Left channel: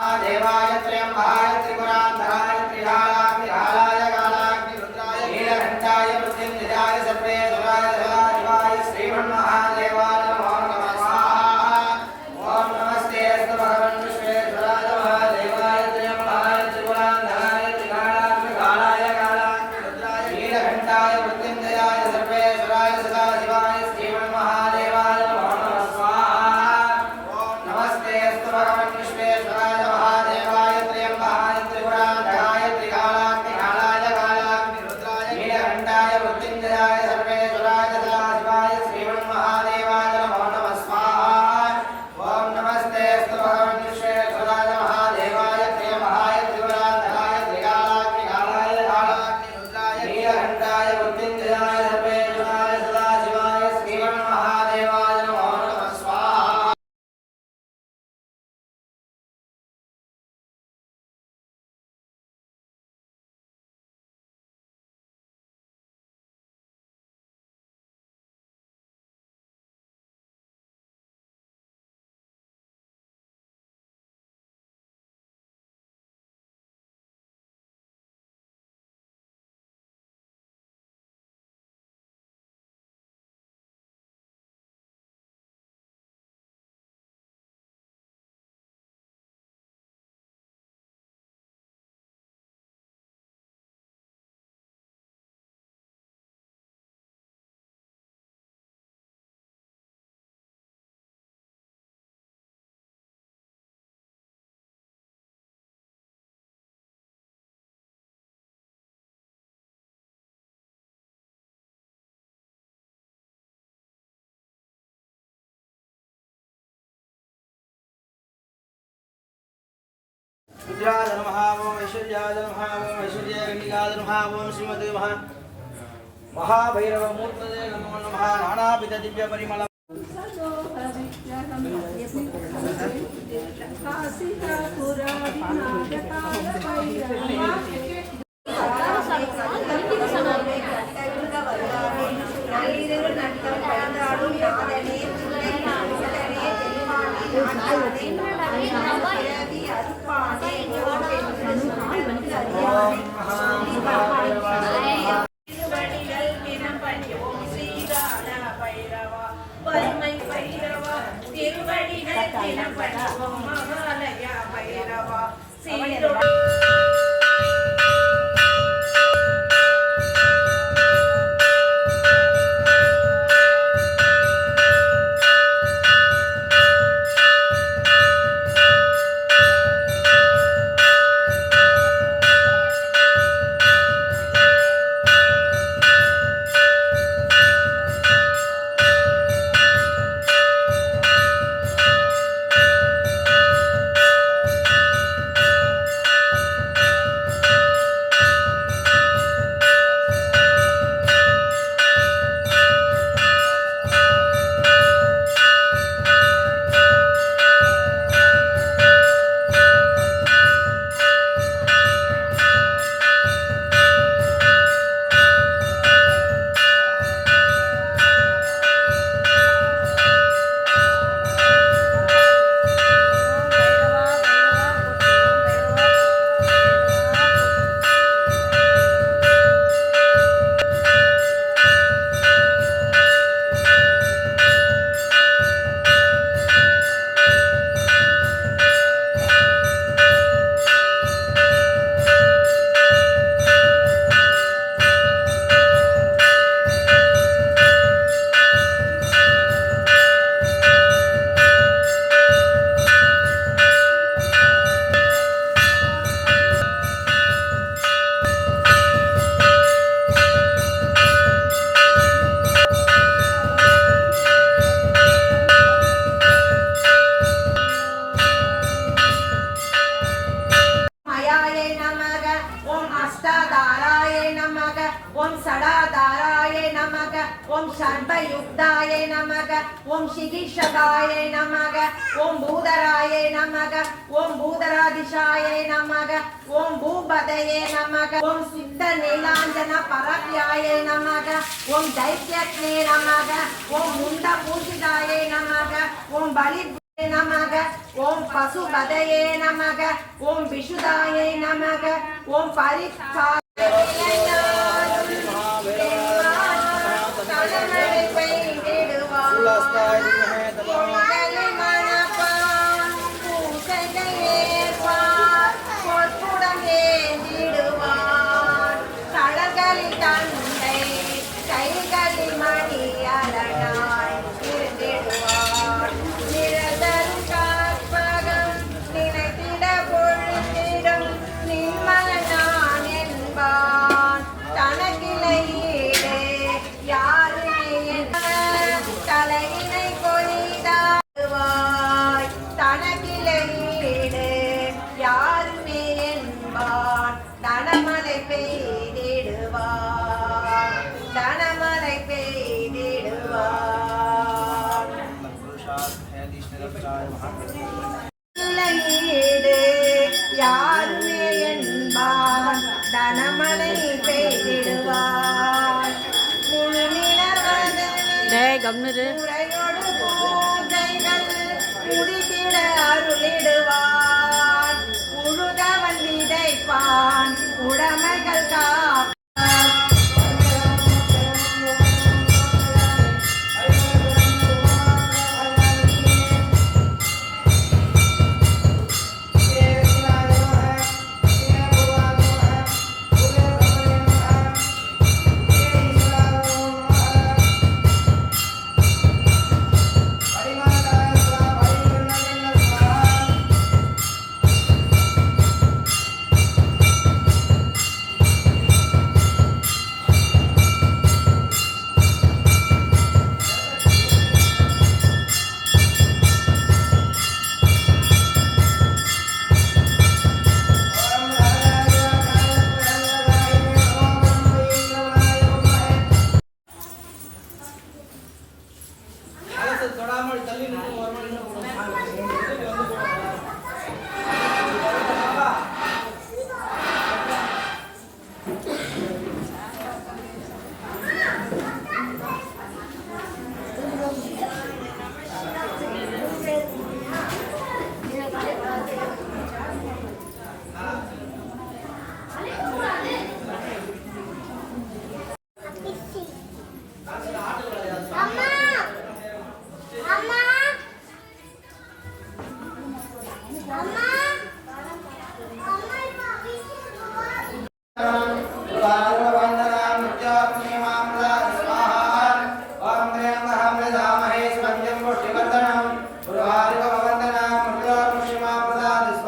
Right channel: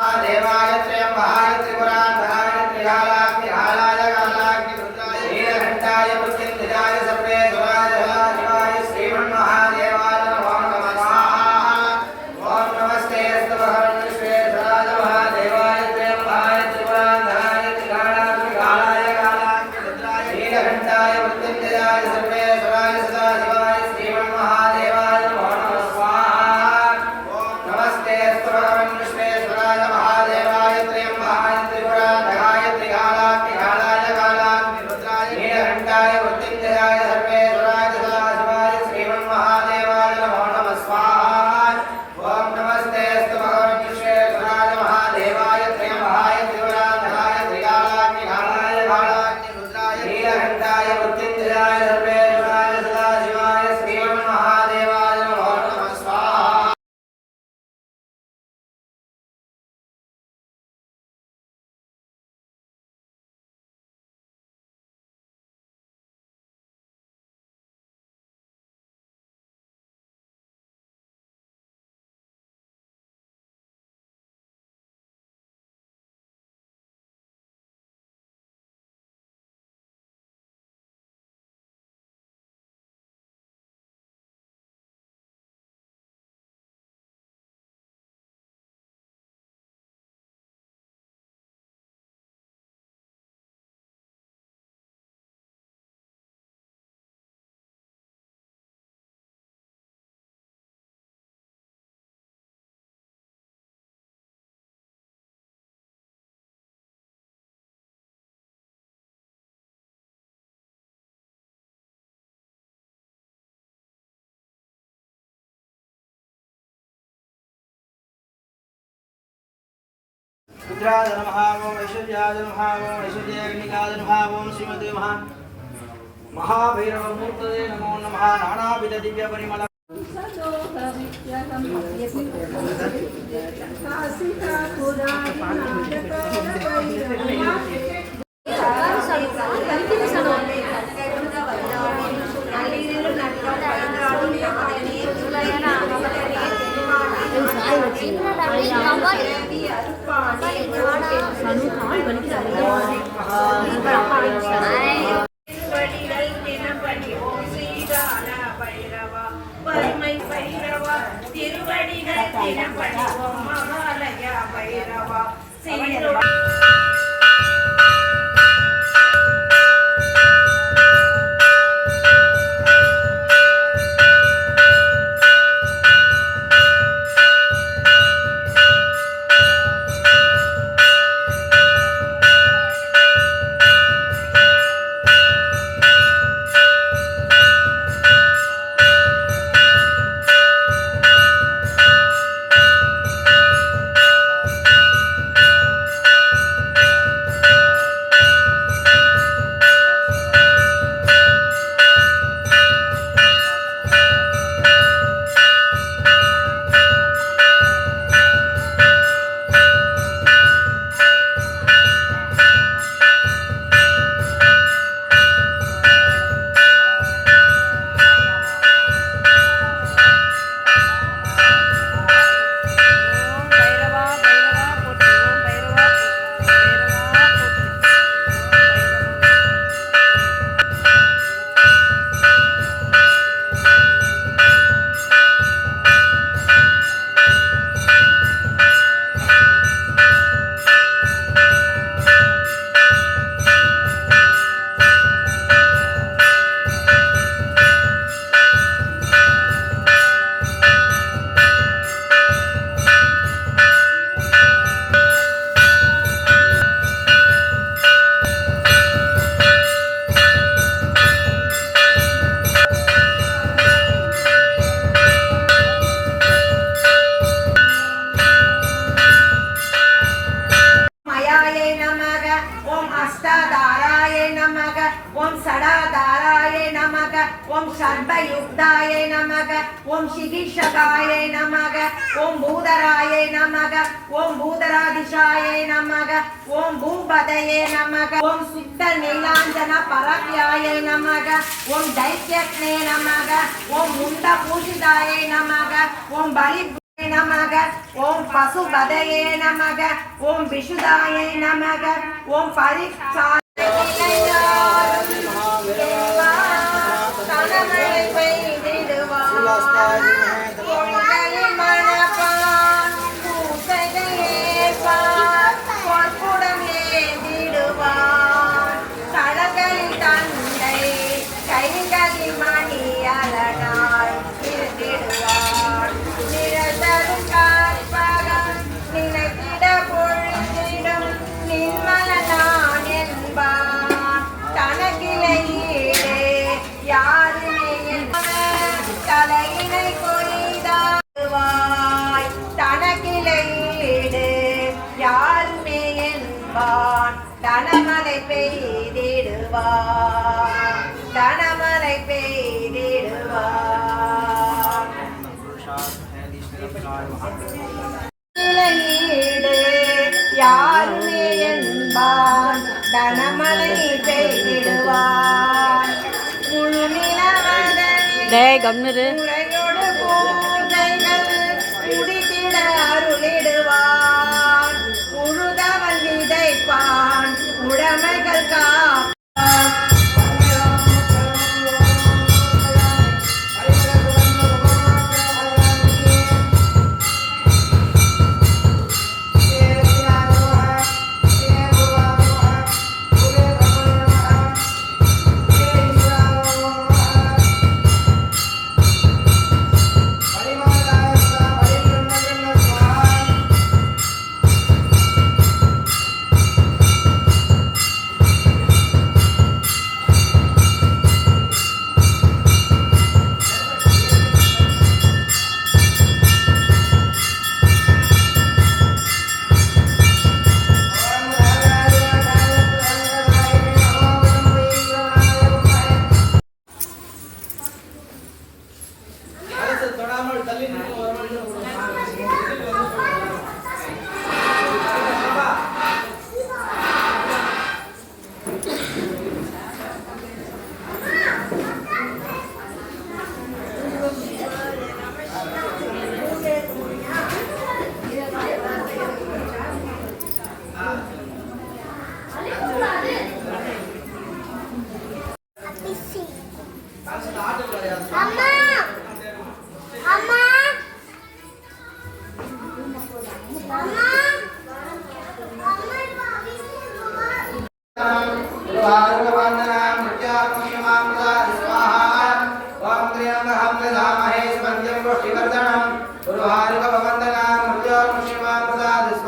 देवाय त्र्यम्बाय त्रिपुरान्धराय रुद्राय नमः ओम ऐश्वर्याय नमः ओम ऐश्वर्यग्निकाय नमः ओम नमो नमः नानाविधदिव्यपरिमल काशिकापुरादिनाथकालभैरवा Teman. ஓம் சர்வயுக்தாய நமக ஓம் சிகிஷகாய நமக ஓம் பூதராய நமக ஓம் பூதராதிஷாய நமக ஓம் பூபதயே நமக ஓம் சுத்த நீலாஞ்சன பரவியாய நமக ஓம் தைத்தியக்னே நமக ஓம் முண்ட பூஜிதாய நமக ஓம் பலி நமக ஓம் பசுபதயே நமக ஓம் விஷுதாய நமக ஓம் பரிக்ஷாய Bye. டேய் கம்னரு குடித்திட அருளிடுவான் முழுதவன் விதைப்பான் உடமைகள் கா God is